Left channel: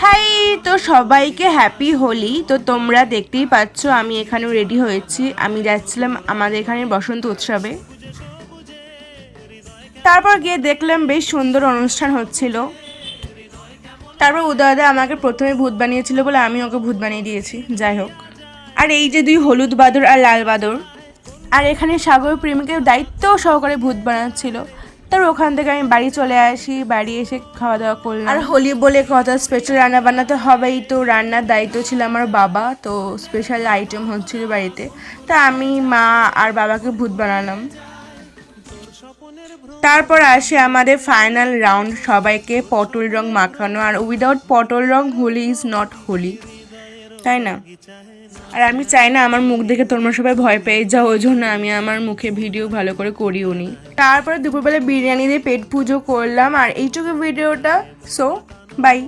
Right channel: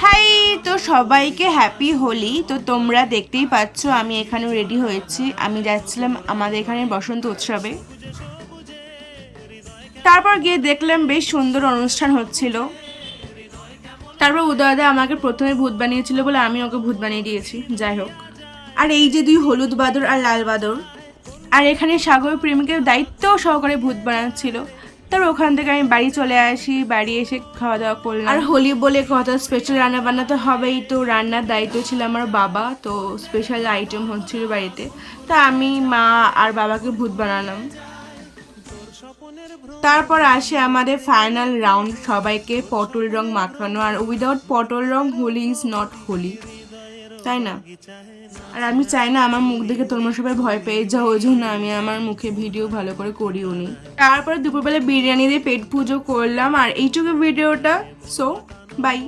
High, তো সবাইকে happy Holi. তো তোমরা দেখতেই পাচ্ছ আমি এখানে রেডি হয়েছি, আমি যাচ্ছিলাম আমাদের এখানে বসন্ত উৎসবে। তারপর গিয়ে দেখলাম বেশ সুন্দর অনুষ্ঠান হচ্ছিল। তারপর উদয়দা আমাকে প্রথমে ভূত বানিয়েছিল বলে আমি ওকে ভূত বানিয়ে দিয়েছি, যাই হোক। আর এই যে দুই হলুদ বাদর আর লাল বাদর, আর এখানে সাগর প্রেমিকের দায়িত্ব সহকারে ভূত বানাচ্ছিল। তারপর ওখান থেকে আমি বাড়ি চলে আসি, বাড়ি এসে খাওয়া দাওয়া করলাম। আর হোলি বলে কথা, স্পেশাল রান্না বান্নাতে হবেই, তো রান্নার দায়িত্ব ছিল আমার বাবা, তো স্পেশাল আইটেম হচ্ছিল বাড়িতে। তা আমি, মা আর বাবাকে ভূত বানালাম। তারপর আসে আমাদের ফাইনাল রাউন্ড, সবাইকে পটল রং মাখানো। আর উইদাউট পটল রং হোলি ইজ নট হোলি, তাই না? আর আমি চাই না আমার মুখ দেখে তোমরা সবাই ভয় পেয়ে যাও, ওই জন্য আমি আমার মুখে ভিডিও ভালো করে করিও নি। তারপরে দুপুরবেলা বিরিয়ানি দিয়ে পেট পুজো করলাম। আর এইটুকু ভিডিওটা। So by.